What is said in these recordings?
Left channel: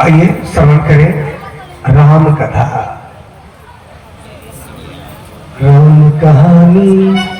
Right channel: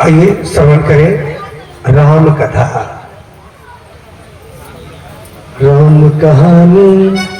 आइए श्रवण करें राम कथा। राम कहानी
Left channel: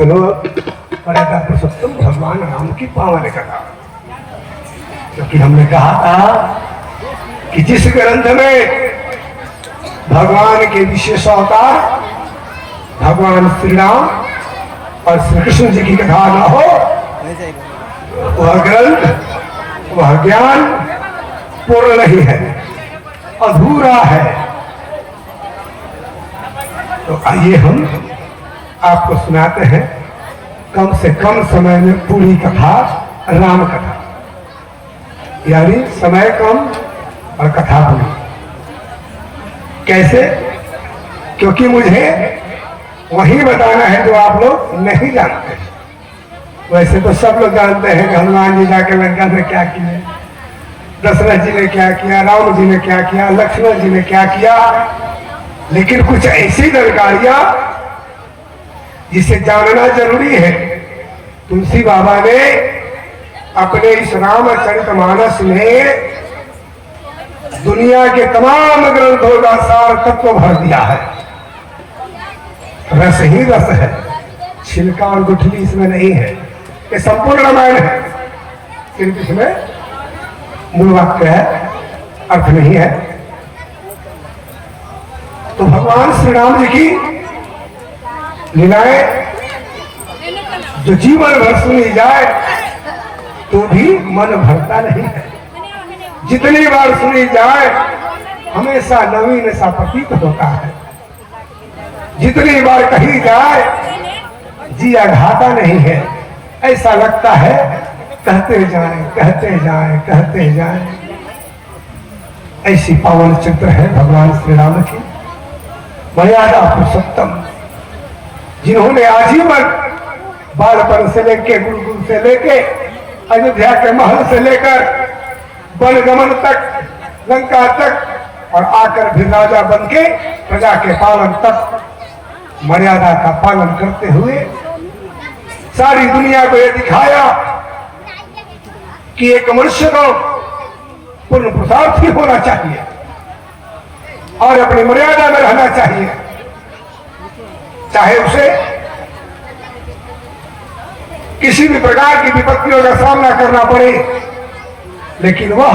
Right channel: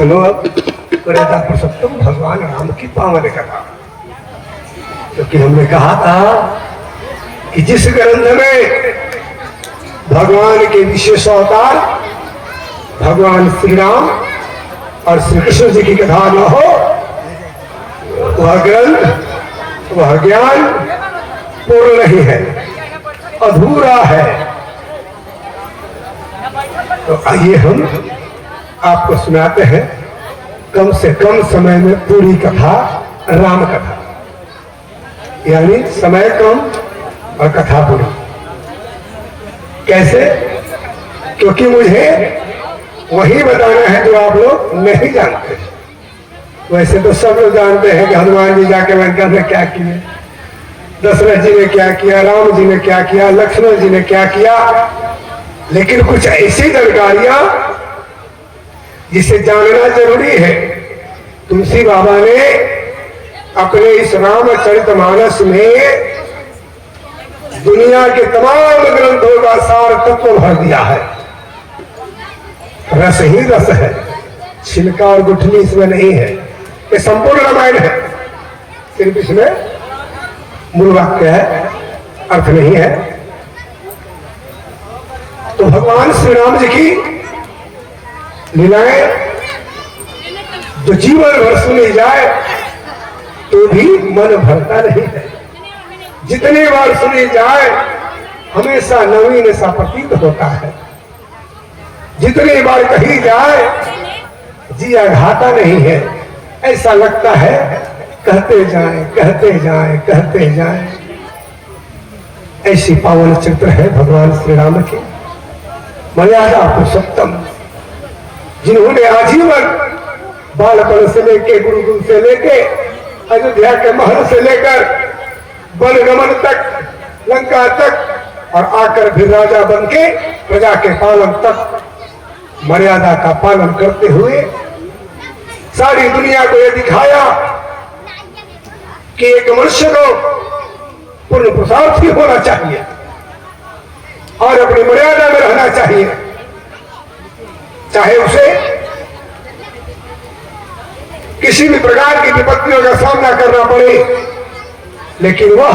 सुनो, मर्यादा पुरुषोत्तम भगवान राम की पावन कथा, क्योंकि हमने कहा था कि जिस ग्रंथ में भगवान के विशेषों का भगवान श्री राम और श्री कृष्ण जी की कथा न हो, वह ग्रंथ, वह ज्ञान पूर्ण नहीं है, अधूरा है। तो आइए हम आपको सुनाते हैं कम से कम समय में पूरी कथा, राम कथा, यानी समय कम और कथा पूरी। कैसे? क्योंकि मुझे वही बताना है तो आप लोग नहीं जानते। वैसे तो सब लोग जानते हैं कि हनुमान जी जाके लंका में क्या किया, दशरथ जी ने क्या किया, राम जी ने क्या किया, लक्ष्मण जी ने क्या किया, लेकिन कुछ ऐसी जानकारियां जिसे जानना जरूरी है। तुलसी बाबा ने अपने इस रामचरितमानस में दुनिया के तमाम ग्रंथों का सार तत्व भर दिया है। रस ही रस है, छिलका और गुठली इसमें नहीं है। ये संपूर्ण रामायण है, सिर्फ इसमें मूल वाक्य है, अर्थ नहीं है। तो भगवान श्री राम जी की लीलाएं जो जीवन भर सुनी जाए तो भी मन भरता नहीं है। जितनी बार सुनी जाए हमेशा नवीन सा प्रतीत होता है। जितनी बार कही जाए जिया घाटा नहीं है, ऐसा लगता है कहते जाएं, कहते जाएं, कहते जाएं। ऐसी पावन चित्र है भगवान श्री राम की। मर्यादा पुरुषोत्तम, जिन्होंने आजीवन बालपन से लेके, गुरुकुल से लेके, अयोध्या के महल से लेकर वनगमन तक, लंका तक, और आकर भी राजा बन के प्रजा के पालन तक मर्यादा का पालन करते हुए सारी दुनिया को यह दिखाया कि एक मनुष्य को पूर्ण पुरुषार्थी होना चाहिए और अपनी मर्यादा में रहना चाहिए, चाहे उसे किसी भी प्रकार की विपत्तियों का सामना करना पड़े, लेकिन वह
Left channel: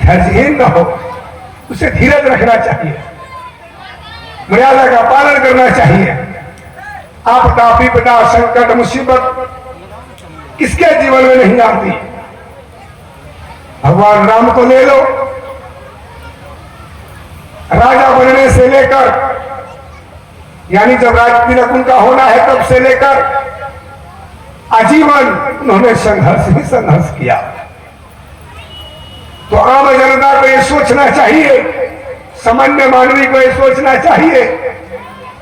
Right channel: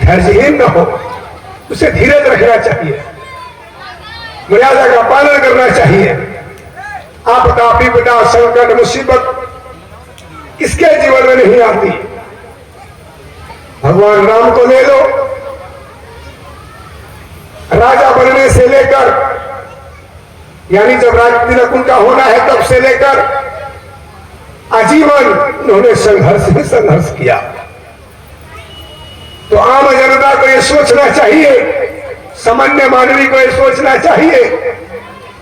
धैर्यहीन न हो, उसे धीरज रखना चाहिए, मर्यादा का पालन करना चाहिए। आपदा, विपदा, संकट, मुसीबत किसके जीवन में नहीं आती। भगवान राम को ले लो, राजा बनने से लेकर, यानी जब राज तिलक उनका होना है तब से लेकर आजीवन उन्होंने संघर्ष ही संघर्ष किया। तो आम जनता को यह सोचना चाहिए, सामान्य मानवी को यह सोचना चाहिए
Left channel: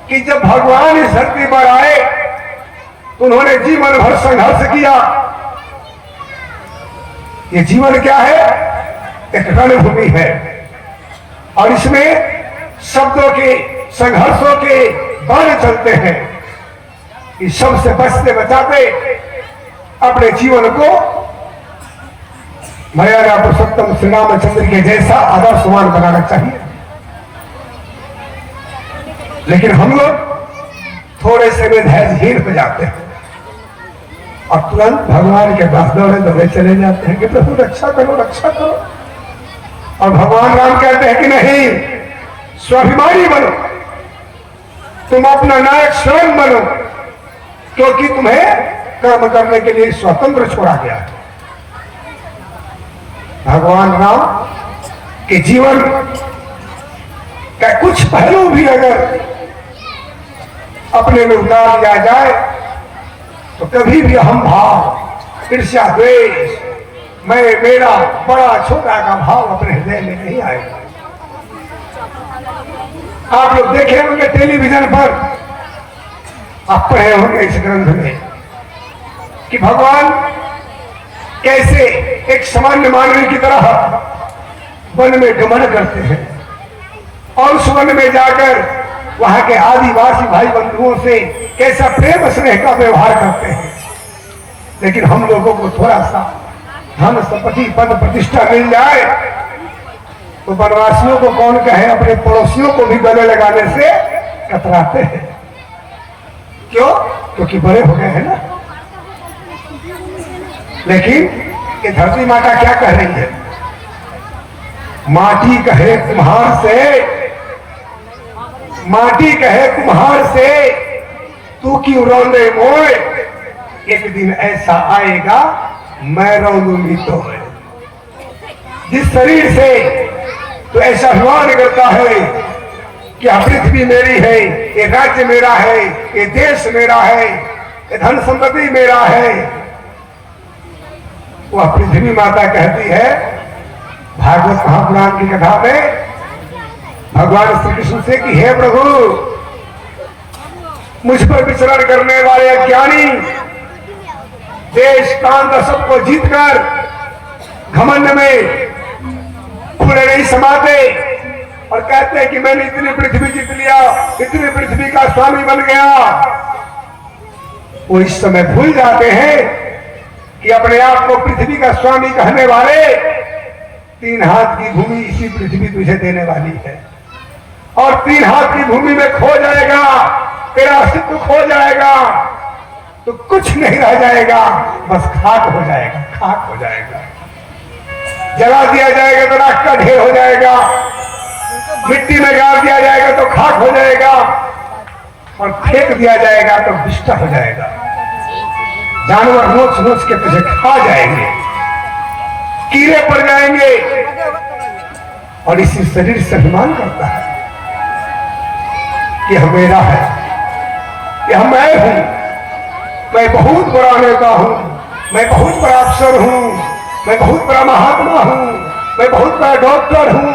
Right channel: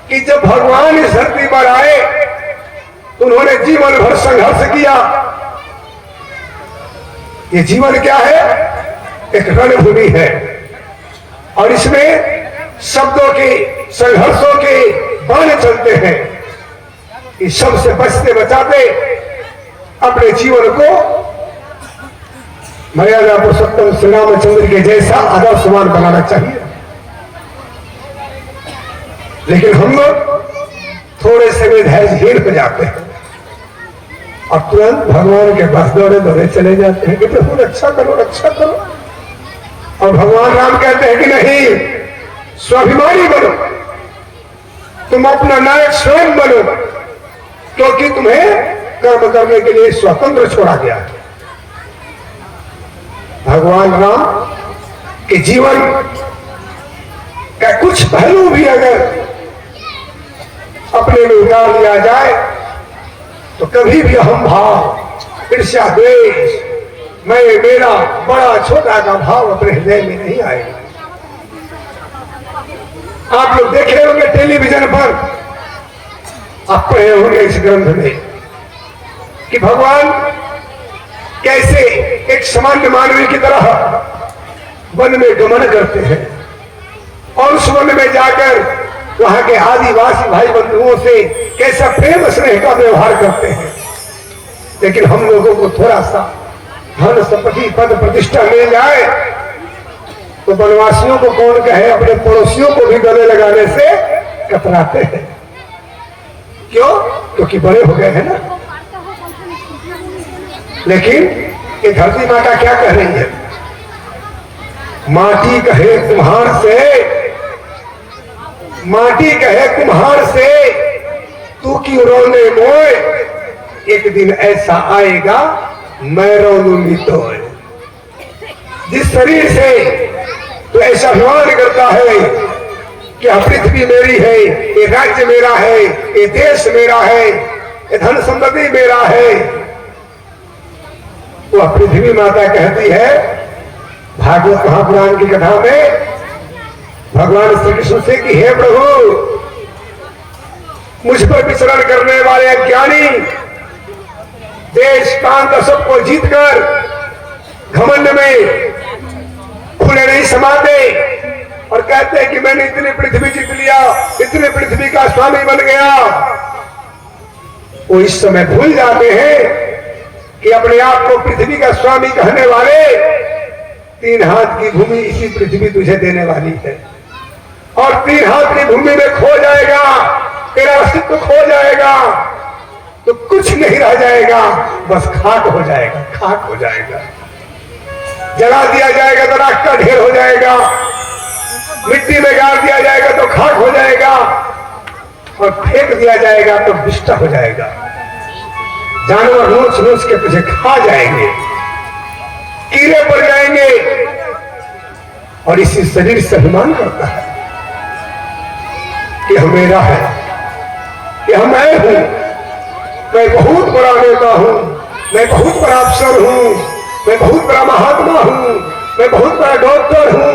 कि जब भगवान इस धरती पर आए तो उन्होंने जीवन भर संघर्ष किया। ये जीवन क्या है? एक रणभूमि है, और इसमें शब्दों के, संघर्षों के बाण चलते हैं। इस सब से बचते बचाते अपने जीवन को मर्यादा पुरुषोत्तम श्री रामचंद्र के जैसा आदर्शवान बनाना चाहिए। लेकिन हम लोग थोड़े से में धैर्यहीन हो जाते हैं और तुरंत भगवान के बसने में दौड़े चले जाते हैं कि देखो रक्षा करो, रक्षा करो। और भगवान राम कहते हैं कि नहीं, स्वाभिमानी बनो, तुम अपना नायक स्वयं बनो, क्योंकि तुम्हें कर्म करने के लिए स्वतंत्र छोड़ा गया है। भगवान राम के जीवन का कुछ पहलू भी अगर अपने में उतार लिया जाए तो कभी भी हम भाव, ईर्ष्या, द्वेष, मैं, मेरा, बड़ा, छोटा का भाव अपने हृदय में नहीं आएगा। आप लोग देखे होंगे टेलीविजन पर, आप कहे होंगे इस ग्रंथ में कि भगवान कैसे एक सामान्य मानव की तरह वन में गमन करते हैं और उस वन में जाकर वहां के आदिवासी भाई बंधुओं से कैसा प्रेम स्नेह का व्यवहार करते हैं। लेकिन हम लोगों को थोड़ा सा धन संपत्ति, पद प्रतिष्ठा मिल जाए तो वनवासियों को कौन कहे, अपने पड़ोसियों को भी गले लगाने से कतराते हैं। क्यों? क्योंकि बड़े हो गए हैं ना। लेकिन ये धरती माता क्या कह रही है? माटी कहे तुम्हार से, माटी कहे तुम्हार से, तू क्यों रोने मोए, एक दिन ऐसा आएगा मैं रो लूंगी तो। जिस शरीर से तो ऐसा अभिमान करता है कि पृथ्वी मेरी है, ये राज्य मेरा है, ये देश मेरा है, ये धन संपत्ति मेरा है, तो पृथ्वी माता कहती है भागवत महापुराण की कथा में भगवान श्री कृष्ण से कि हे प्रभु, मुझ पर विचरण करने वाले ज्ञानी देश प्रांत सबको जीतकर घमंड में फूले नहीं समाते और कहते हैं कि मैंने इतनी पृथ्वी जीत लिया, इतनी पृथ्वी का स्वामी बन गया। वो इस समय भूल जाते हैं कि अपने आप को पृथ्वी का स्वामी कहने वाले 3 हाथ की भूमि इसी पृथ्वी तुझे देने वाली है, और 3 हाथ की भूमि में खो जाएगा, तेरा अस्तित्व खो जाएगा तो कुछ नहीं रह जाएगा, बस खाक हो जाएगा, खाक हो जाएगा। जला दिया जाएगा तो राख का ढेर हो जाएगा, मिट्टी में गाड़ दिया जाएगा तो खाक हो जाएगा, और फेंक दिया जाएगा तो बिस्टा हो जाएगा। जानवर नोच नोच के तुझे खा जाएंगे, कीड़े पड़ जाएंगे, और इसी शरीर से अभिमान करता है कि हम मेरा है, कि हम मैं हूं, मैं बहुत बड़ा नेता हूं, मैं बहुत बड़ा अफसर हूं, मैं बहुत बड़ा महात्मा हूं, मैं बहुत बड़ा डॉक्टर हूं,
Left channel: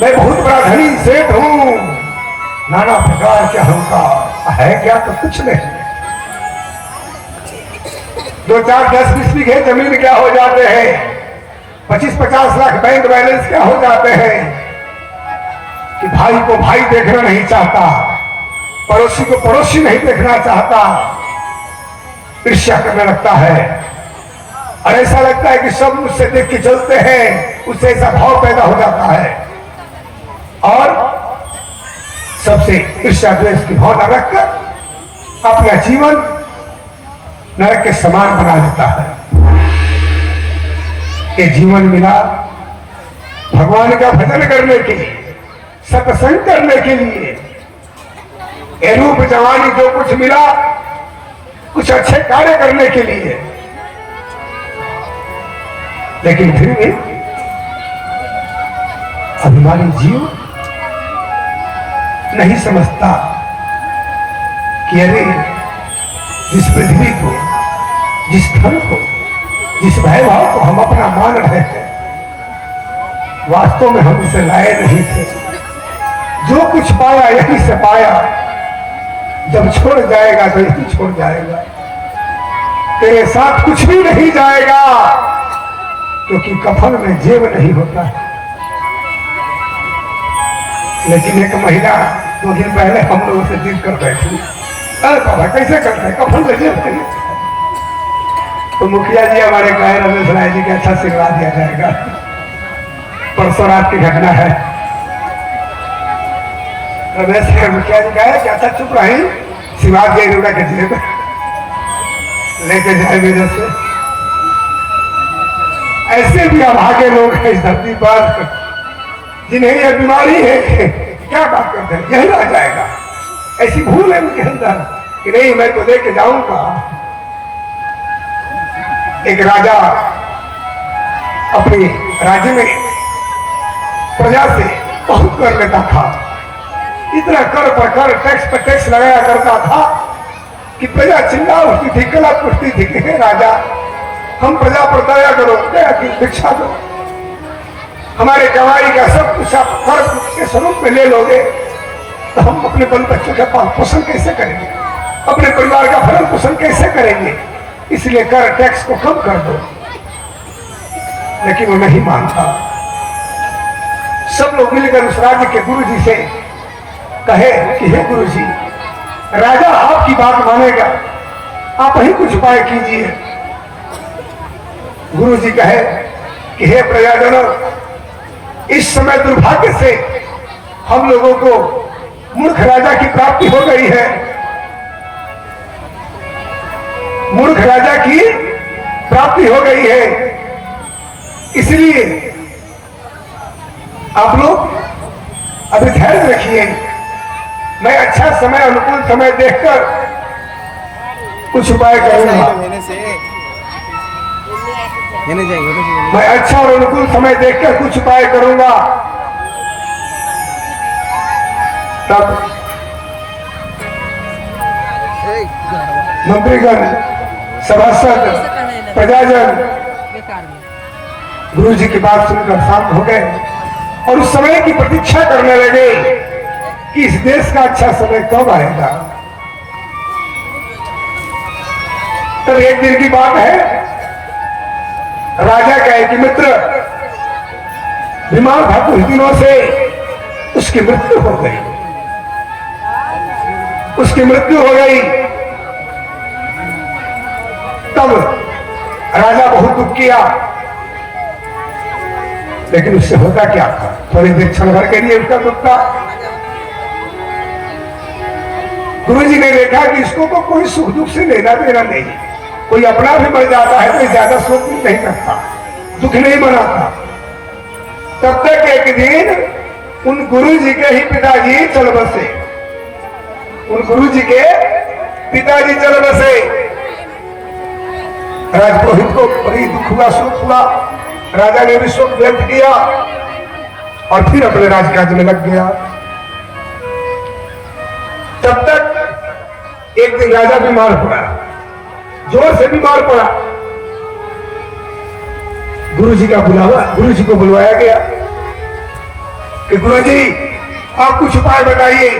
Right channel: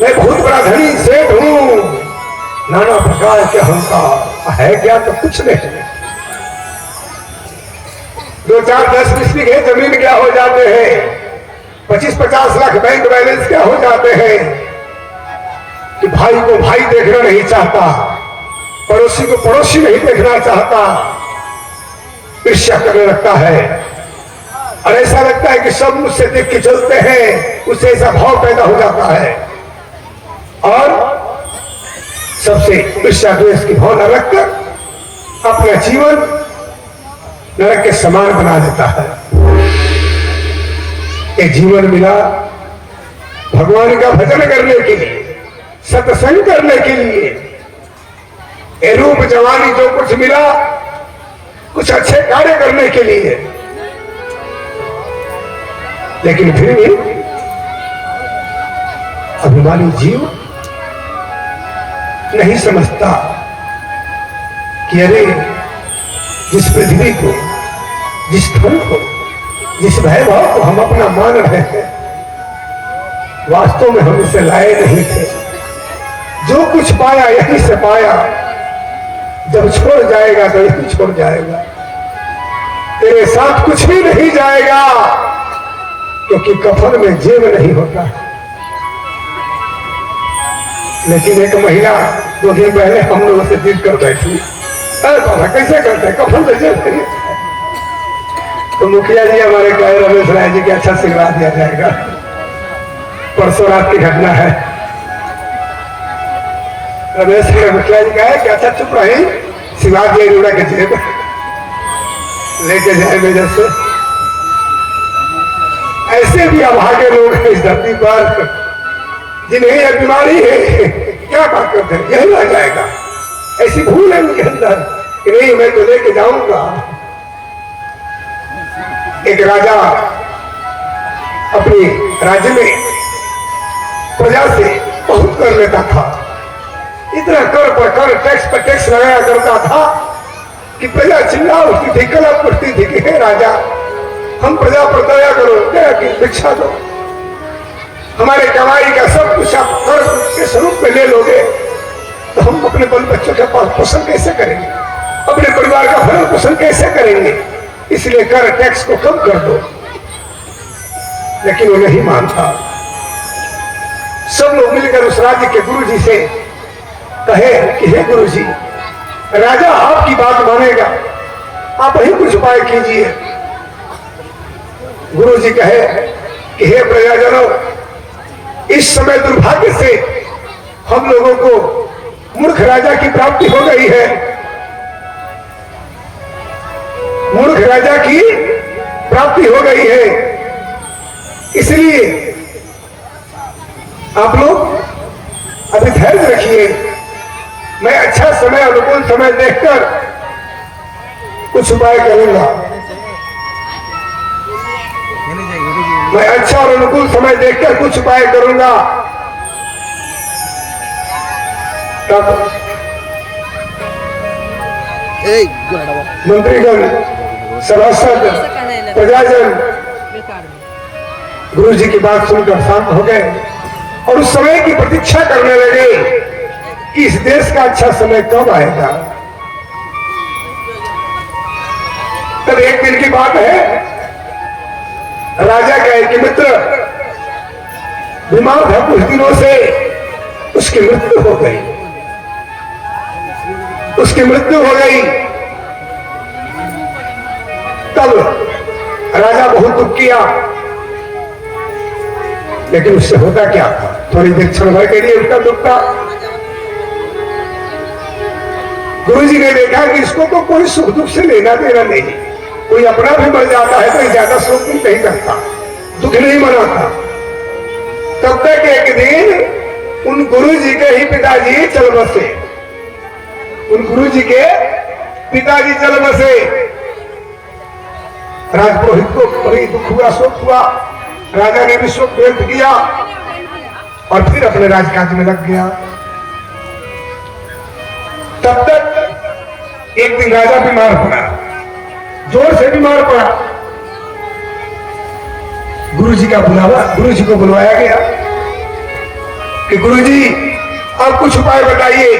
मैं बहुत बड़ा धनी सेठ हूं, नाना प्रकार के अहंकार है क्या? तो कुछ नहीं। 2, 4, 10, 20 बीघे जमीन क्या हो जाते हैं, 25-50 लाख बैंक बैलेंस क्या हो जाते हैं कि भाई को भाई देखना नहीं चाहता, पड़ोसी को पड़ोसी नहीं देखना चाहता, ईर्ष्या करने लगता है, और ऐसा लगता है कि सब मुझसे देख के चलते हैं, उससे ऐसा भाव पैदा हो जाता है, और सबसे ईर्ष्या द्वेष की भावना रखकर अपना जीवन नरक के समान बना देता है। ये जीवन मिला भगवान का भजन करने के लिए, सत्संग करने के लिए, ये रूप जवानी जो कुछ मिला कुछ अच्छे कार्य करने के लिए, लेकिन फिर भी अभिमानी जीव नहीं समझता कि अरे जिस पृथ्वी को, जिस धन को, जिस वैभव को हम अपना मान रहे हैं, वास्तव में हम इसे लाए नहीं थे। जो कुछ पाया यहीं से पाया, जब छोड़ जाएगा तो यही छोड़ जाएगा, तेरे साथ कुछ भी नहीं जाएगा, क्योंकि कफन में जीव नहीं होता। लेकिन एक महिला 2 दिन पहले हम लोगों से जिद कर बैठी, अरे पापा कैसे करते हैं, कफन में जीव नहीं। तो मुखिया जी हमारे कहे रमेश राय जी के अच्छा सिखा दिया जाएगा। परसों रात की घटना है, रमेश के मुखिया जी कहे कि अच्छा चुप रहे, सिवा के लेके जेब लेके जाए मेरे से। ऐसे भी अभागे लोग हैं इस धरती पर जिन्हें यह बीमारी है, क्या बात करते हैं, यही रह जाएगा। ऐसी भूल है उनके अंदर कि नहीं मैं तो लेके जाऊंगा। एक राजा अपने राज्य में प्रजा से बहुत कर लेता था, इतना कर पर कर, टैक्स पर टैक्स लगाया करता था कि प्रजा चिल्ला उठती थी, कला करती थी कि हे राजा हम प्रजा पर दया करो, दया की भिक्षा दो, हमारे कमाई का सब कुछ आप कर के स्वरूप में ले लोगे तो हम अपने बल बच्चों का पोषण कैसे करेंगे, अपने परिवार का भरण पोषण कैसे करेंगे, इसलिए कर टैक्स को कम कर दो। लेकिन वो नहीं मानता। सब लोग मिलकर उस राज्य के गुरु जी से कहे कि हे गुरु जी, राजा आपकी बात मानेगा, आप ही कुछ उपाय कीजिए। गुरु जी कहे कि हे प्रजाजनों, इस समय दुर्भाग्य से हम लोगों को मूर्ख राजा की प्राप्ति हो गई है। अनुकूल समय देखकर कुछ उपाय करूंगा। मैं अच्छा और अनुकूल समय देखकर कुछ उपाय करूंगा। तब मंत्रीगण, सभासद, प्रजाजन गुरु जी की बात सुनकर शांत हो गए और उस समय की प्रतीक्षा करने लगे कि इस देश का अच्छा समय कब आएगा। तब एक दिन की बात है, राजा कहे कि मित्र बीमार था कुछ दिनों से, उसकी मृत्यु हो गई, उसकी मृत्यु हो गई। तब राजा बहुत दुख किया, लेकिन उससे होता क्या, थोड़ी देर क्षण भर के लिए उसका दुख था। गुरु जी ने देखा कि इसको तो कोई सुख दुख से लेना देना नहीं, कोई अपना भी मर जाता है तो ज्यादा शोक दुख नहीं करता, दुख नहीं मनाता। तब तक एक दिन उन गुरु जी के ही पिताजी चल बसे, उन गुरु जी के पिताजी चल बसे। राजपुरोहित को बड़ी दुख हुआ, शोक हुआ। राजा ने भी शोक व्यक्त किया और फिर अपने राजकाज में लग गया। तब तक एक दिन राजा बीमार पड़ा, जोर से बीमार पड़ा। गुरु जी का बुलावा, गुरु जी को बुलवाया गया कि गुरु जी आप कुछ उपाय बताइए,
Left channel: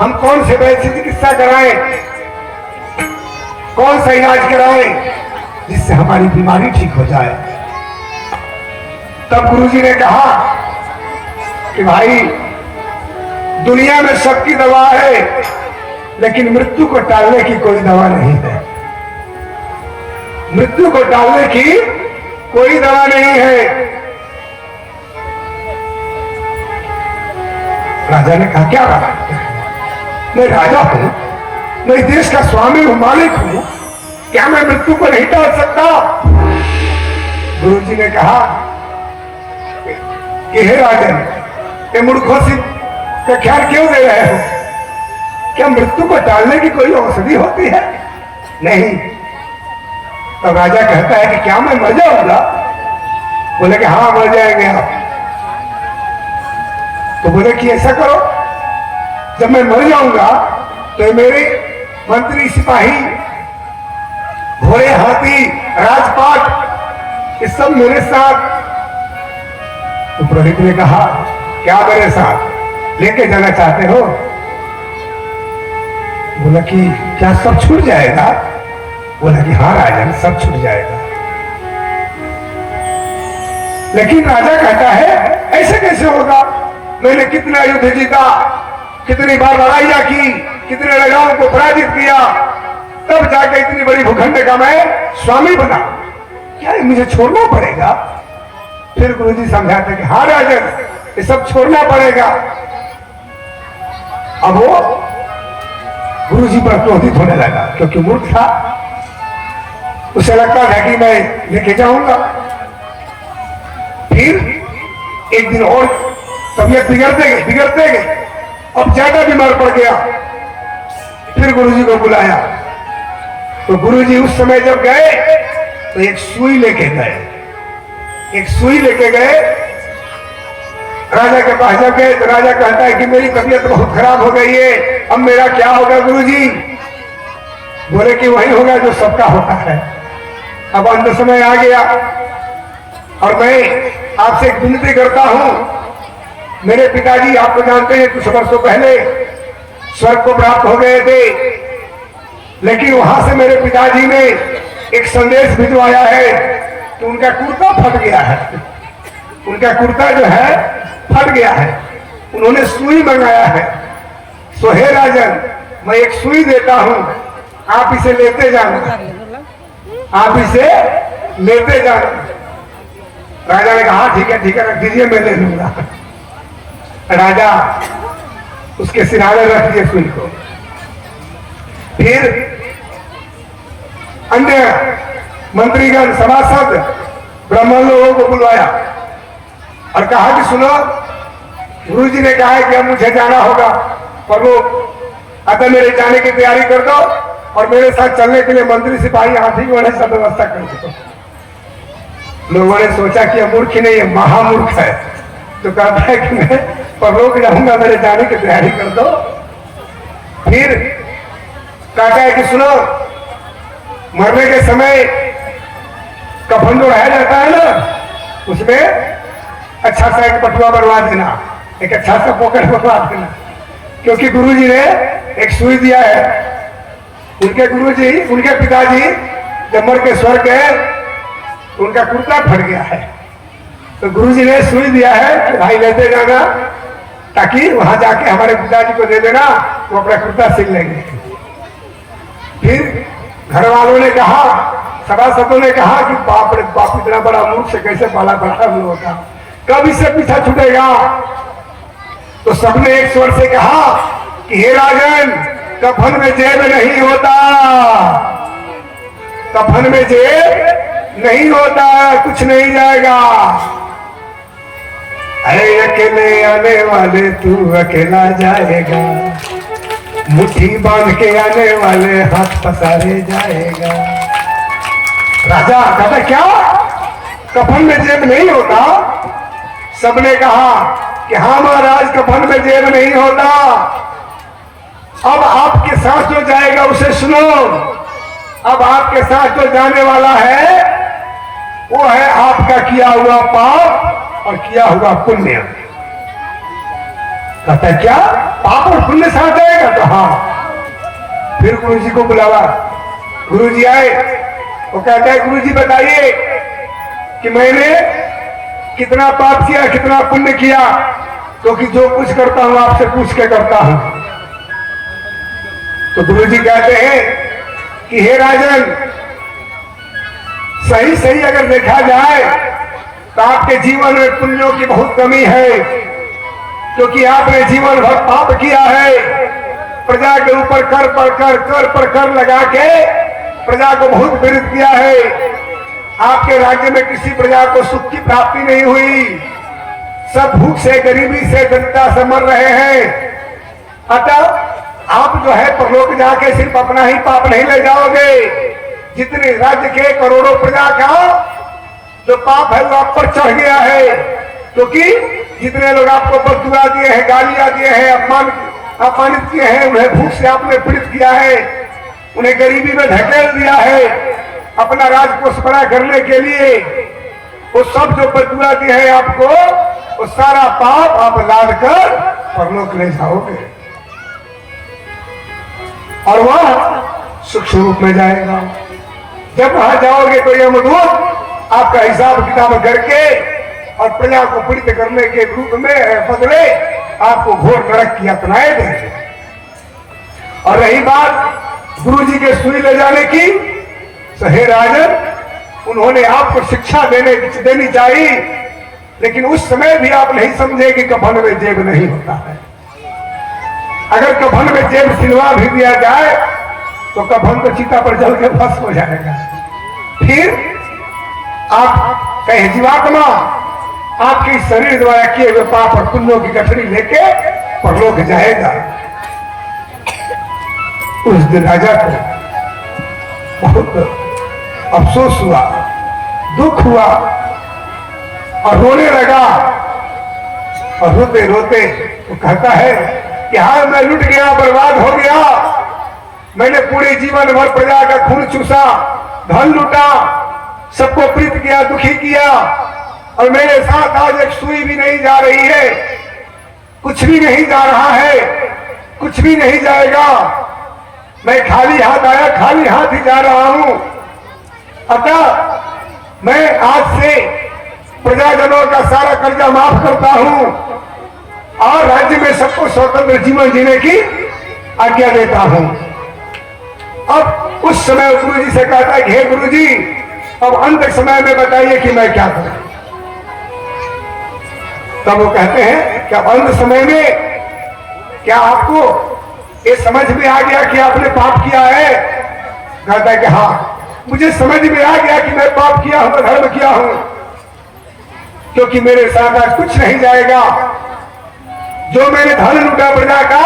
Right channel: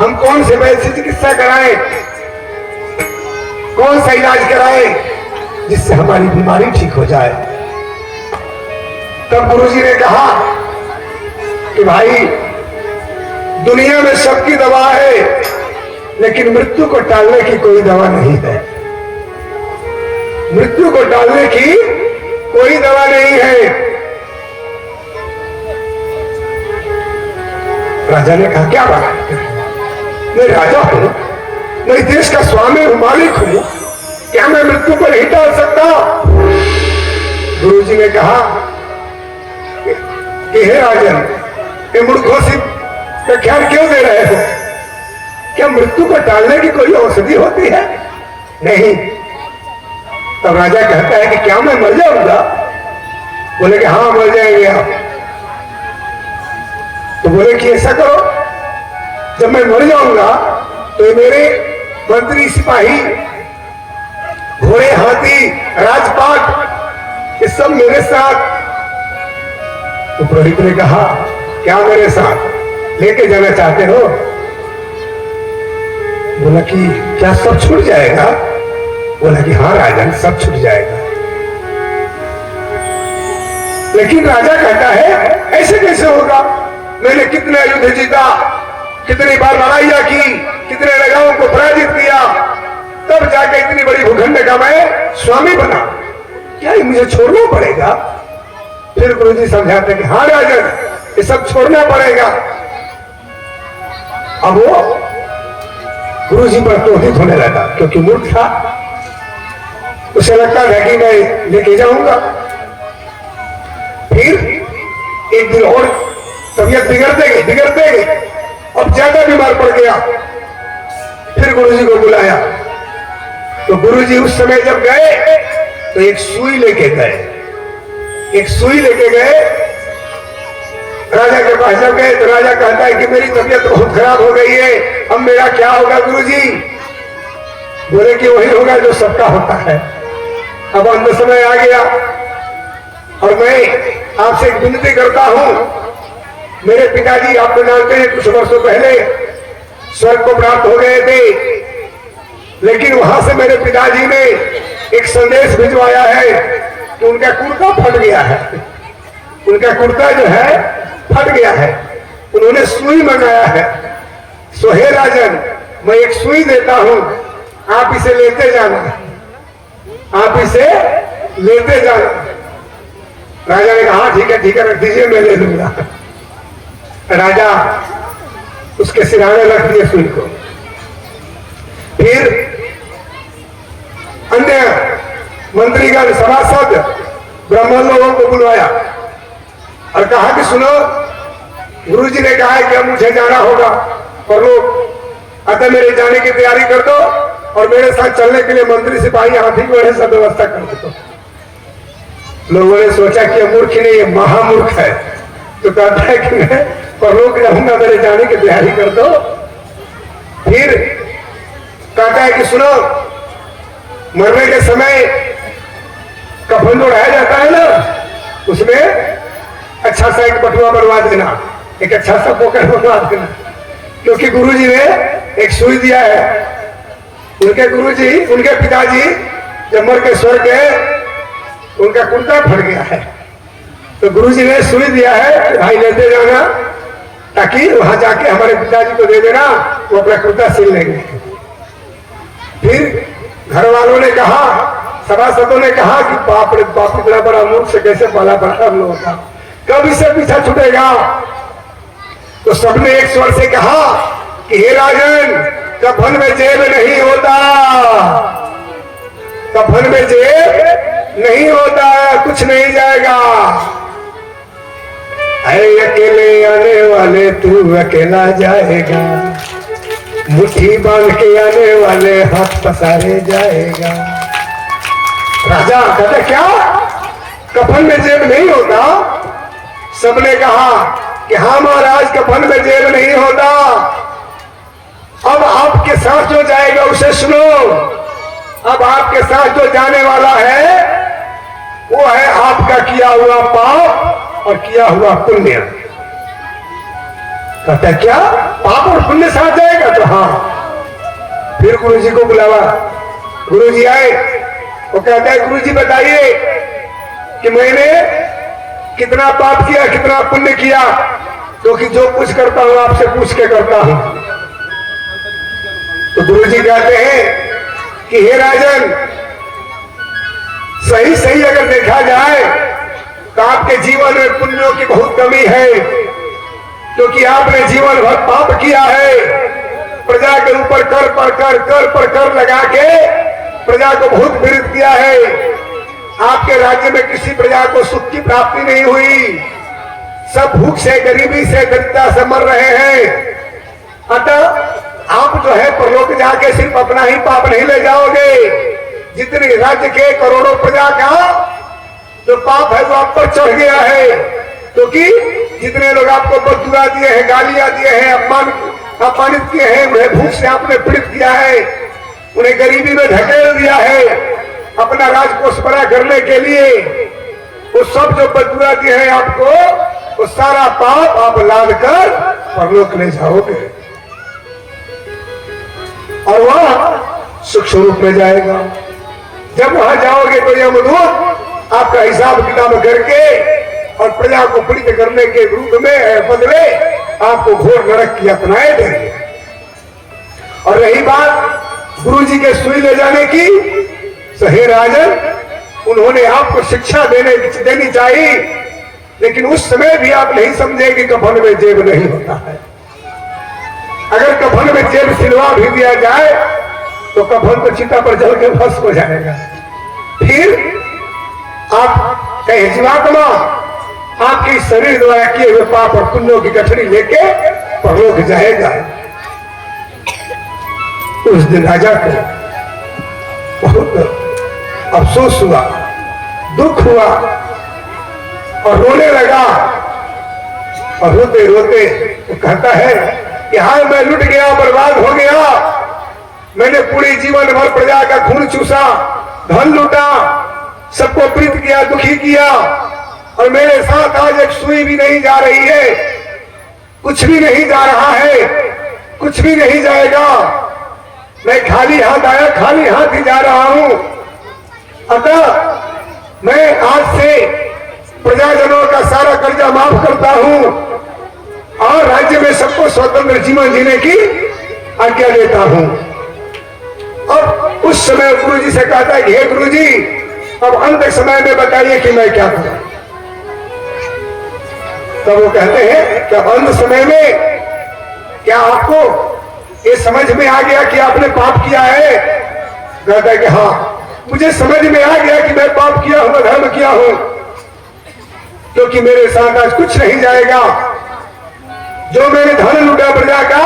हम कौन से वैद्य से चिकित्सा कराएं, कौन सा इलाज कराएं जिससे हमारी बीमारी ठीक हो जाए। तब गुरु जी ने कहा कि भाई दुनिया में सबकी दवा है, लेकिन मृत्यु को टालने की कोई दवा नहीं है। मृत्यु को टालने की कोई दवा नहीं है। राजा ने कहा क्या बात, मैं राजा हूं, मैं देश का स्वामी हूं, मालिक हूं, क्या मैं मृत्यु को नहीं टाल सकता? गुरु जी ने कहा कि हे राजन, ये मूर्खों से व्याख्यान क्यों दे रहे हो? क्या मृत्यु को टालने की कोई औषधि होती है? नहीं। तो राजा कहता है कि क्या मैं मर जाऊंगा? बोले कि हाँ मर जाएंगे आप। तो बोले कि ऐसा करो, जब मैं मर जाऊंगा तो मेरे मंत्री, सिपाही, घोड़े, हाथी, राजपाट, ये सब मेरे साथ। तो प्रदीप ने कहा क्या मेरे साथ लेके जाना चाहते हो? बोला कि क्या सब छूट जाएगा? बोला कि हाँ राजन, सब छूट जाएगा। लेकिन राजा कहता है ऐसे कैसे होगा? मैंने कितना युद्ध जीता, कितनी बार लड़ाइयां की, कितने राजाओं को पराजित किया, तब जाकर इतनी बड़ी भूखंड का मैं स्वामी बना, क्या मुझे छोड़ना पड़ेगा? फिर गुरु जी समझाते कि हाँ राजन, ये सब छोड़ना पड़ेगा। अब वो गुरु जी पर क्रोधित होने लगा, क्योंकि मूर्ख था, उसे लगता है कि मैं लेके जाऊंगा। फिर एक दिन और तबियत बिगड़ते गई, अब ज्यादा बीमार पड़ गया। फिर गुरु जी को बुलाया, तो गुरु जी उस समय जब गए तो एक सुई लेके गए, राजा के पास जब गए तो राजा कहता है कि मेरी तबीयत बहुत खराब हो गई है, अब मेरा क्या होगा गुरु जी? बोले कि वही होगा जो सबका होता है। अब अंत समय आ गया और मैं आपसे एक विनती करता हूं, मेरे पिताजी आप जानते हैं कुछ वर्षों पहले स्वर्ग को प्राप्त हो गए थे, लेकिन वहां से मेरे पिताजी ने एक संदेश भिजवाया है कि उनका कुर्ता फट गया है, उनका कुर्ता जो है फट गया है, उन्होंने सुई मंगाया है। सो हे राजन, मैं एक सुई देता हूं, आप इसे लेते जाना, आप इसे लेते जाना। राजा ने कहा ठीक है रख दीजिए, मैं ले लूंगा। राजा उसके सिराने रख दिए सुई को। फिर अन्य मंत्रीगण, सभासद, ब्राह्मण लोगों को बुलाया और कहा कि सुनो, गुरु जी ने कहा है कि अब मुझे जाना होगा, और लोग अतः मेरे जाने की तैयारी कर दो और मेरे साथ चलने के लिए मंत्री सिपाही हाथी घोड़े सब व्यवस्था कर दो। लोगों ने सोचा कि मूर्ख नहीं, महामूर्ख है, तो कहता है कि मैं परलोक जाऊंगा, मेरे जाने की तैयारी कर दो। फिर कहता है कि सुनो, मरने के समय कफन जो रह जाता है ना, उसमें अच्छा सा एक बटुआ बनवा देना, एक अच्छा सा पॉकेट बनवा देना, क्योंकि गुरुजी ने एक सुई दिया है। उनके गुरुजी, उनके पिताजी जब मर के स्वर्ग गए, उनका कुर्ता फट गया है, तो गुरुजी ने सुई दिया है कि भाई लेते जाना, ताकि वहां जाके हमारे पिताजी को दे देना, वो अपना कुर्ता सिल लेंगे। फिर घर वालों ने कहा, सभासदों ने कहा कि बाप रे बाप, इतना बड़ा मूर्ख से कैसे पाला पड़ा हम लोगों का, कब इससे पीछा छूटेगा। तो सबने एक स्वर से कहा कि हे राजन, कफन में जेब नहीं होता, कफन में जेब नहीं होता, कुछ नहीं जाएगा। है अकेले आने वाले, तू अकेला जाएगा, मुट्ठी बांध के आने वाले हाथ पसारे जाएगा। राजा कहते क्या कफन में जेब नहीं होता? सबने कहा कि हाँ महाराज, कफन में जेब नहीं होता। अब आपके साथ जो जाएगा उसे सुनो, अब आपके साथ जो जाने वाला है वो है आपका किया हुआ पाप और किया हुआ पुण्य। कहता है क्या पाप और पुण्य साथ जाएगा? कहा। फिर गुरु जी को बुलावा, गुरु जी आए, वो कहते हैं गुरु जी बताइए कि मैंने कितना पाप किया, कितना पुण्य किया, क्योंकि जो कुछ करता हूं आपसे पूछ के करता हूं। तो गुरु जी कहते हैं कि हे राजन, सही सही अगर देखा जाए तो आपके जीवन में पुण्यों की बहुत कमी है, क्योंकि आपने जीवन भर पाप किया है। प्रजा के ऊपर कर पर कर लगा के प्रजा को बहुत पीड़ित किया है। आपके राज्य में किसी प्रजा को सुख की प्राप्ति नहीं हुई, सब भूख से, गरीबी से, दरिद्रता से मर रहे हैं। अतः आप जो है परलोक जाके सिर्फ अपना ही पाप नहीं ले जाओगे, जितने राज्य के करोड़ों प्रजा का जो पाप है वो आप पर चढ़ गया है, क्योंकि जितने लोग आपको बददुआ दिए हैं, गालियां दिए हैं, अपमानित किए हैं, उन्हें भूख से आपने पीड़ित किया है, उन्हें गरीबी में धकेल दिया है अपना राजकोष बड़ा करने के लिए। वो सब जो बददुआ दिए हैं आपको, वो सारा पाप आप लाद कर परलोक ले जाओगे और वह सुख स्वरूप में जाएगा। जब वहां जाओगे तो यमदूत आपका हिसाब किताब करके और प्रजा को पीड़ित करने के रूप में बदले आपको घोर नरक की अपनाए देंगे। और रही बात गुरु जी के सुई ले जाने की, तो हे राजन, उन्होंने आपको शिक्षा देनी चाहिए, लेकिन उस समय भी आप नहीं समझे कि कफन में जेब नहीं होता है। अगर कफन में जेब सिलवा भी दिया जाए तो कफन तो चिता पर जल के भस्म हो जाएगा। फिर आप कहे जीवात्मा आपकी शरीर द्वारा किए हुए पाप और पुण्यों की गठरी लेके परलोक जाएगा। उस दिन राजा को बहुत अफसोस हुआ, दुख हुआ और रोने लगा। और रोते रोते तो कहता है कि हाँ, मैं लुट गया, बर्बाद हो गया, मैंने पूरे जीवन भर प्रजा का खून चूसा, धन लूटा, सबको पीड़ित किया, दुखी किया, और मेरे साथ आज एक सुई भी नहीं जा रही है, कुछ भी नहीं जा रहा है, कुछ भी नहीं जाएगा। मैं खाली हाथ आया, खाली हाथ ही जा रहा हूं। अतः मैं आज से प्रजाजनों का सारा कर्जा माफ करता हूं और राज्य में सबको स्वतंत्र जीवन जीने की आज्ञा देता हूं। अब उस समय गुरु जी से कहता है, हे गुरु जी, अब अंत समय में बताइए कि मैं क्या करूं। तब वो कहते हैं कि अंत समय में क्या आपको ये समझ में आ गया कि आपने पाप किया है? कहता है कि हाँ, मुझे समझ में आ गया कि मैं पाप किया हूं, धर्म किया हूं, क्योंकि मेरे साथ आज कुछ नहीं जाएगा। जो मैंने धन लूटा प्रजा का,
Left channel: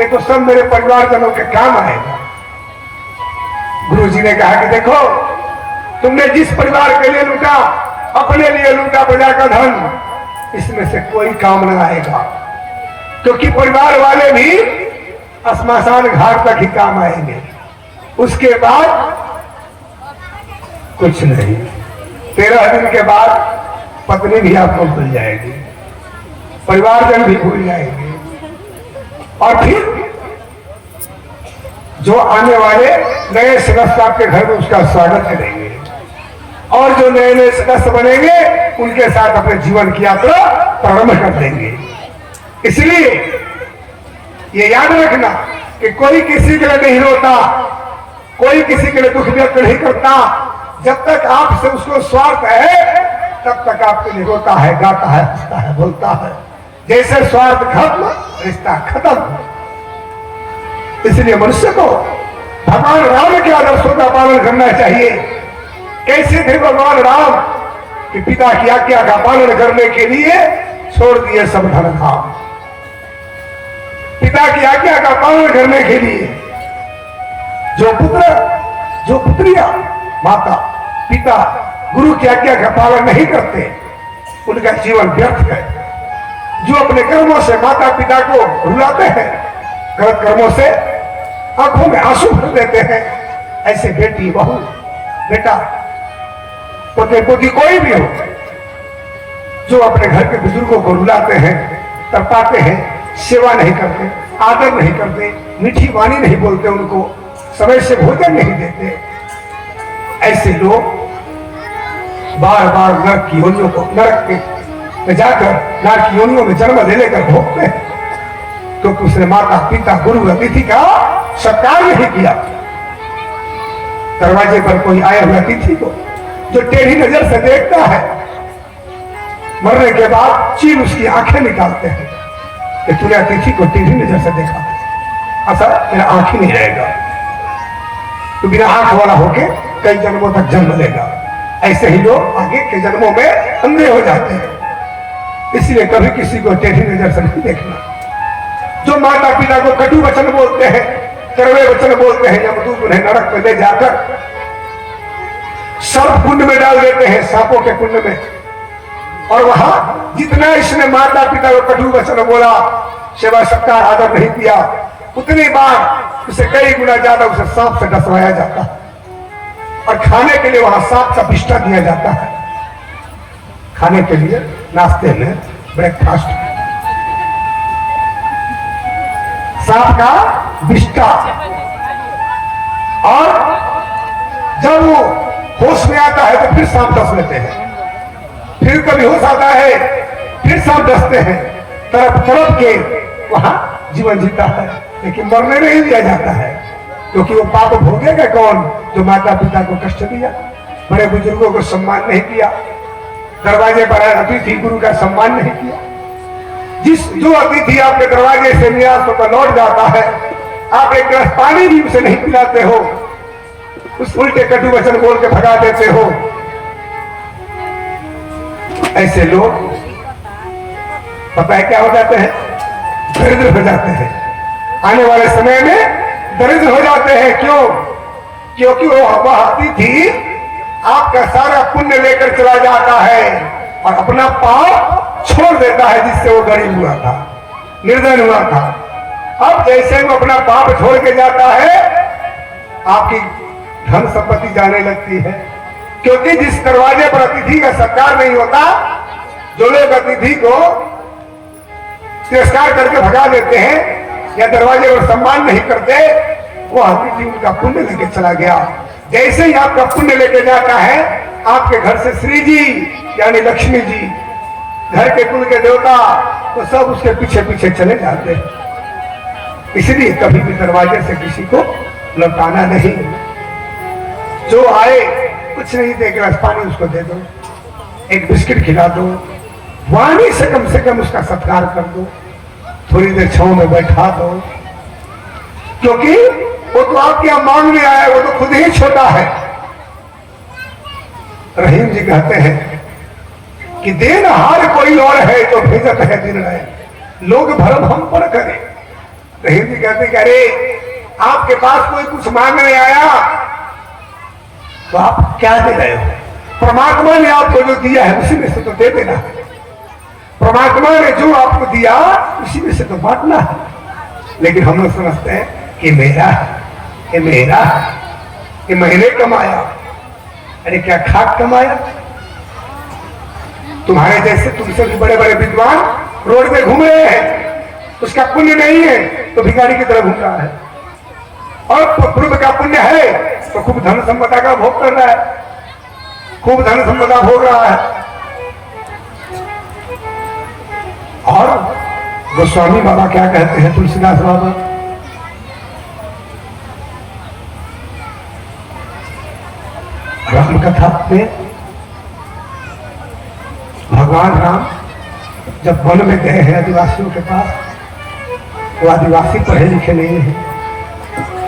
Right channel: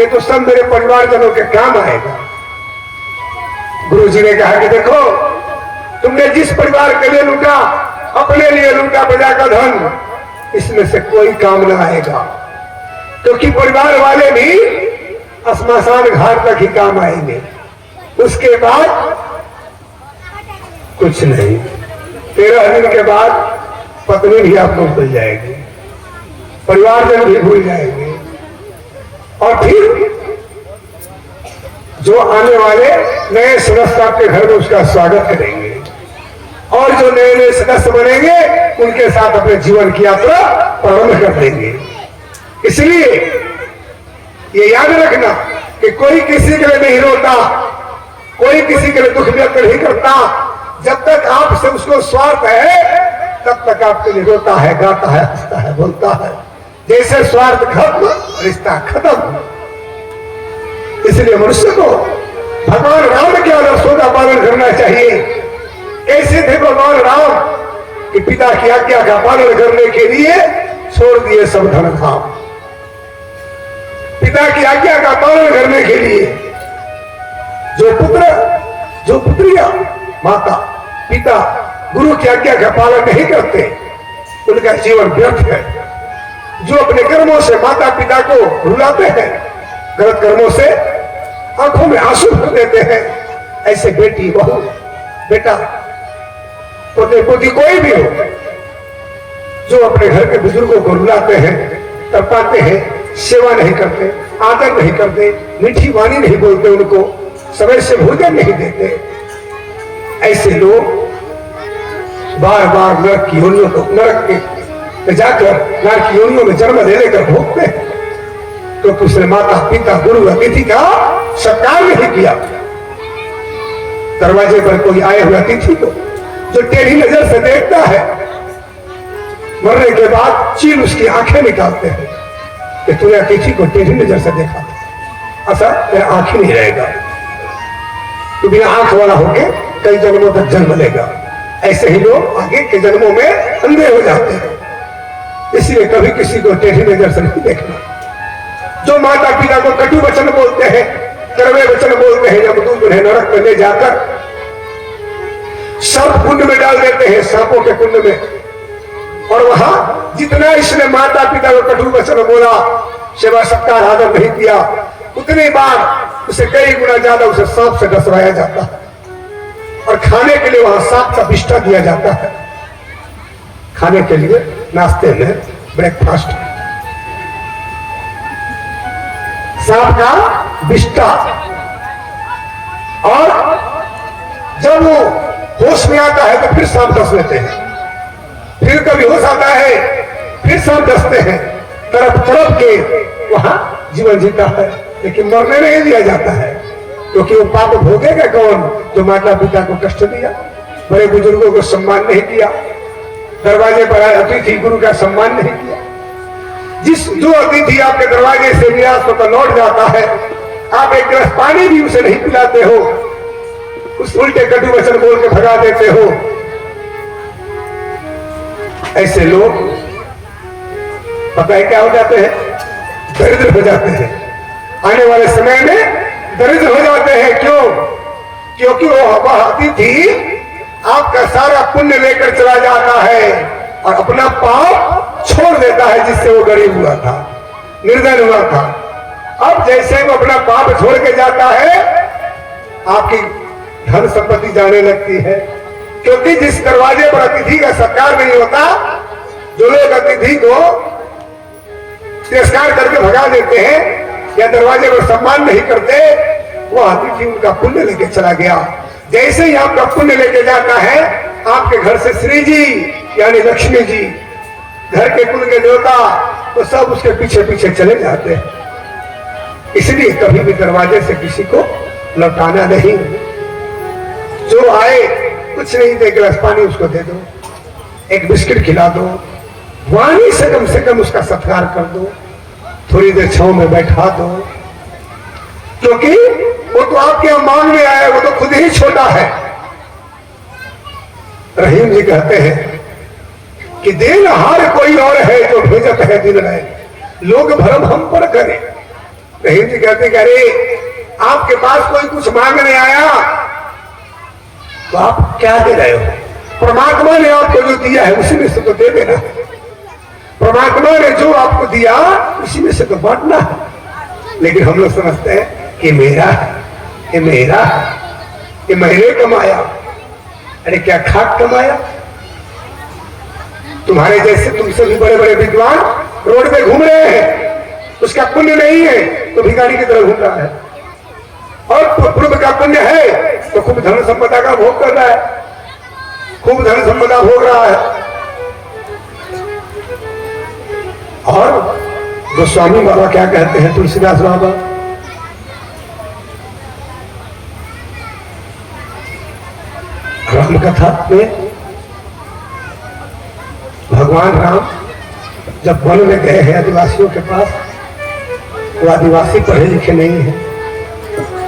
ये तो सब मेरे परिवारजनों के काम आएगा। गुरु जी ने कहा कि देखो, तुमने जिस परिवार के लिए लूटा, अपने लिए लूटा प्रजा का धन, इसमें से कोई काम न आएगा, क्योंकि परिवार वाले भी श्मशान घाट तक ही काम आएंगे, उसके बाद कुछ नहीं। 13 दिन के बाद पत्नी भी आपको भूल जाएगी, परिवारजन भी भूल जाएंगे, और फिर जो आने वाले नए सदस्य आपके घर में उसका स्वागत करेंगे, और जो नए नए सदस्य बनेंगे उनके साथ अपने जीवन की यात्रा प्रारंभ कर देंगे। इसलिए ये याद रखना कि कोई किसी के लिए नहीं रोता, कोई किसी के लिए दुख व्यक्त नहीं करता। जब तक आपसे उसको स्वार्थ है तब तक आपके लिए रोता है, गाता है, हंसता है, बोलता है। जैसे स्वार्थ खत्म, रिश्ता खत्म। इसलिए मनुष्य को भगवान राम के आदर्शों का पालन करना चाहिए। ऐसे थे भगवान राम कि पिता की आज्ञा का पालन करने के लिए छोड़ दिए सब धन धाम। पिता की आज्ञा का पालन करने के लिए जो पुत्र, जो पुत्रियां माता पिता गुरु की आज्ञा का पालन नहीं करते, उनका जीवन व्यर्थ है। जो अपने कर्मों से माता पिता को रुलाते हैं, गलत कर्मों से आंखों में आंसू भर देते हैं, ऐसे बेटी बहू बेटा पुत्र पोती कोई भी हो, जो अपने घर के बुजुर्गों को रुलाते हैं, तरपाते हैं, सेवा नहीं करते, आदर नहीं करते, मीठी वाणी नहीं बोलते, उनको समय से भोजन नहीं देते, ऐसे लोग बार बार नरक की योनियों को, नरक में जाकर नरक की योनियों में जन्म देने का भोगते हैं। तो उसने माता पिता गुरु अतिथि का सत्कार नहीं किया। दरवाजे पर कोई आए हुए अतिथि को जो टेढ़ी नजर से देखता है, मरने के बाद चीन उसकी आंखें निकालते हैं कि तूने अतिथि को टेढ़ी नजर से देखा, ऐसा तेरा आंख ही नहीं रहेगा, तू बिना आंख वाला होके कई जन्मों तक जन्म लेगा। ऐसे ही लोग आगे के जन्मों में अंधे हो जाते हैं। इसलिए कभी किसी को टेढ़ी नजर से नहीं देखना। जो माता पिता को कटु वचन बोलते हैं, कड़वे वचन बोलते हैं, जब तू उन्हें नरक में ले जाकर सर्प कुंड में डाल देते हैं, सांपों के कुंड में, और वहां जितना इसने माता पिता को कटु वचन बोला, सेवा सत्कार आदर नहीं किया, उतनी बार उसे कई गुना ज्यादा उसे सांप से डसवाया जाता है, और खाने के लिए वहां सांप का बिष्टा दिया जाता है। खाने के लिए नाश्ते में ब्रेकफास्ट, सांप का बिष्टा। और जब वो होश में आता है तो फिर सांप डस लेते हैं, फिर कभी होश आता है फिर सांप डसते हैं, तरफ तरफ के वहां जीवन जीता है, लेकिन मरने नहीं दिया जाता है, क्योंकि वो पाप भोगेगा कौन? जो माता पिता को कष्ट दिया, बड़े बुजुर्गों को सम्मान नहीं किया, दरवाजे पर आए अतिथि गुरु का सम्मान नहीं किया। जो अतिथि आपके दरवाजे से निराश होकर लौट जाता है, आप एक गिलास पानी भी उसे नहीं पिलाते हो, उस उल्टे कटु वचन बोल के भगा देते हो। ऐसे लोग पता है क्या हो जाते हैं? दरिद्र हो जाते हैं। आने वाले समय में दरिद्र हो जाते हैं। क्यों? क्योंकि वो अतिथि आपका सारा पुण्य लेकर चला जाता है और अपना पाप छोड़ देता है, जिससे वो गरीब हुआ था, निर्धन हुआ था। अब जैसे वो अपना पाप छोड़ के जाता है, आपकी धन संपत्ति जाने लगती है। क्योंकि जिस दरवाजे पर अतिथि का सत्कार नहीं होता, जो लोग अतिथि को तिरस्कार करके भगा देते हैं या दरवाजे पर सम्मान नहीं करते, वो अतिथि उनका पुण्य लेके चला गया। जैसे ही आपका पुण्य लेके जाता है, आपके घर से श्री जी यानी लक्ष्मी जी, घर के कुल के देवता, तो सब उसके पीछे पीछे चले जाते हैं। इसलिए कभी भी दरवाजे से किसी को लौटाना नहीं। जो आए कुछ नहीं दे, गिलास पानी उसको दे दो, एक बिस्किट खिला दो, वाणी से कम उसका सत्कार कर दो, थोड़ी देर छांव में बैठा दो, क्योंकि वो तो आपके यहाँ मांगने आया, वो तो खुद ही छोटा है। रहीम जी कहते हैं कि देनहार कोई और है जो भेजत है दिन में, लोग भरम हम पर करे, हिंद जी कहते कि अरे आपके पास कोई कुछ मांगने आया तो आप क्या दे रहे हो? परमात्मा ने आपको जो दिया है उसी में से तो दे देना। परमात्मा ने जो आपको दिया उसी में से तो बांटना है। लेकिन हम लोग समझते हैं कि मेरा है, ये मेरा है, ये मैंने कमाया। अरे क्या खाक कमाया? तुम्हारे जैसे तुमसे भी बड़े बड़े विद्वान रोड पे घूम रहे हैं, उसका पुण्य नहीं है तो भिखारी की तरह घूम रहा है, और पूर्व का पुण्य है तो खूब धन संपदा का भोग कर रहा है, खूब धन संपदा भोग रहा है। और गोस्वामी बाबा क्या कहते हैं, तुलसीदास बाबा, राम कथा में भगवान राम जब वन में गए हैं आदिवासियों के पास, वो आदिवासी पढ़े लिखे नहीं है,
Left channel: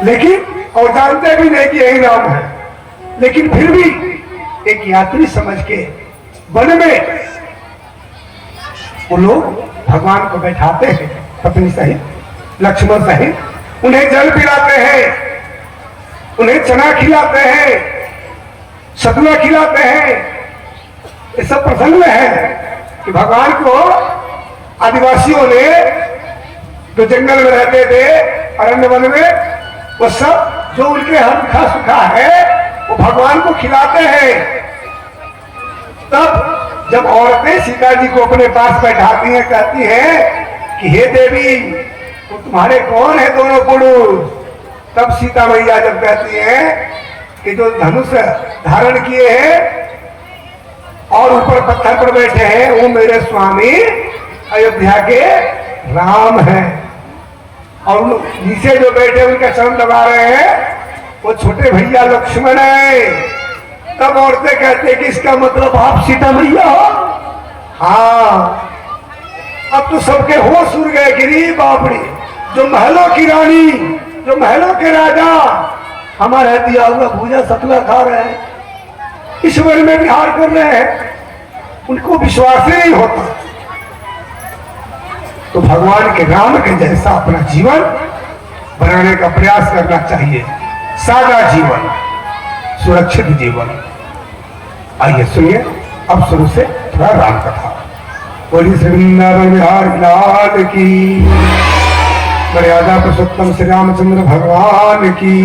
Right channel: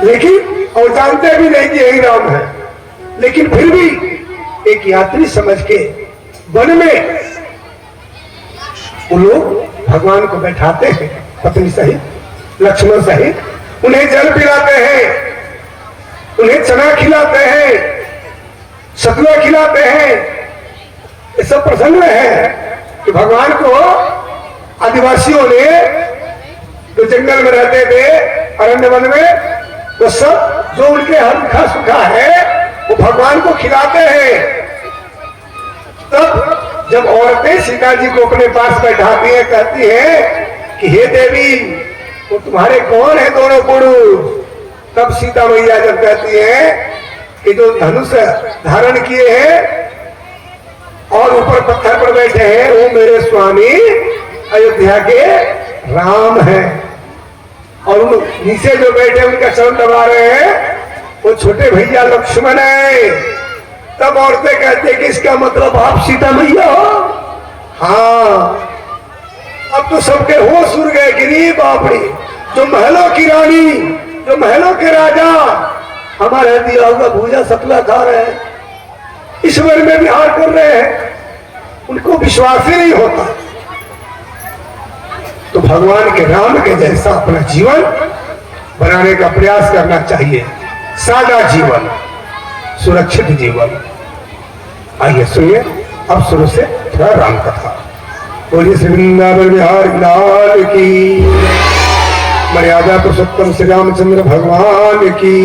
लेकिन और जानते भी नहीं कि यही राम है, लेकिन फिर भी एक यात्री समझ के वन में वो लोग भगवान को बैठाते हैं, पत्नी सहित लक्ष्मण सहित, उन्हें जल पिलाते हैं, उन्हें चना खिलाते हैं, सतुआ खिलाते हैं। ये सब प्रसंग में है कि भगवान को आदिवासियों ने जो जंगल में रहते थे, अरण्य वन में, वो सब जो उनके हल्का सूखा है वो भगवान को खिलाते हैं। तब जब औरतें सीता जी को अपने पास बैठाती हैं, कहती हैं कि हे देवी, तो तुम्हारे कौन है दोनों पुरुष? तब सीता मैया जब कहती है कि जो धनुष धारण किए हैं और ऊपर पत्थर पर बैठे हैं वो मेरे स्वामी अयोध्या के राम हैं, और नीचे जो बैठे उनका चरण दबा रहे हैं वो छोटे भैया लक्ष्मण है। तब औरतें कहते कि इसका मतलब आप सीता मैया हो? हाँ। अब तो सबके होश उड़ गए कि रे बाप रे, जो महलों की रानी, जो महलों के राजा हमारे दिया हुआ भूजा सतुआ खा रहे हैं, इस वन में विहार कर रहे हैं, उनको विश्वास ही नहीं होता। तो भगवान के नाम के जैसा अपना जीवन बनाने का प्रयास करना चाहिए, सादा जीवन, सुरक्षित जीवन। आइए सुनिए अब शुरू से थोड़ा राम कथा। बोलिए श्री वृंदावन बिहार लाल की, मर्यादा पुरुषोत्तम श्री रामचंद्र भगवान की।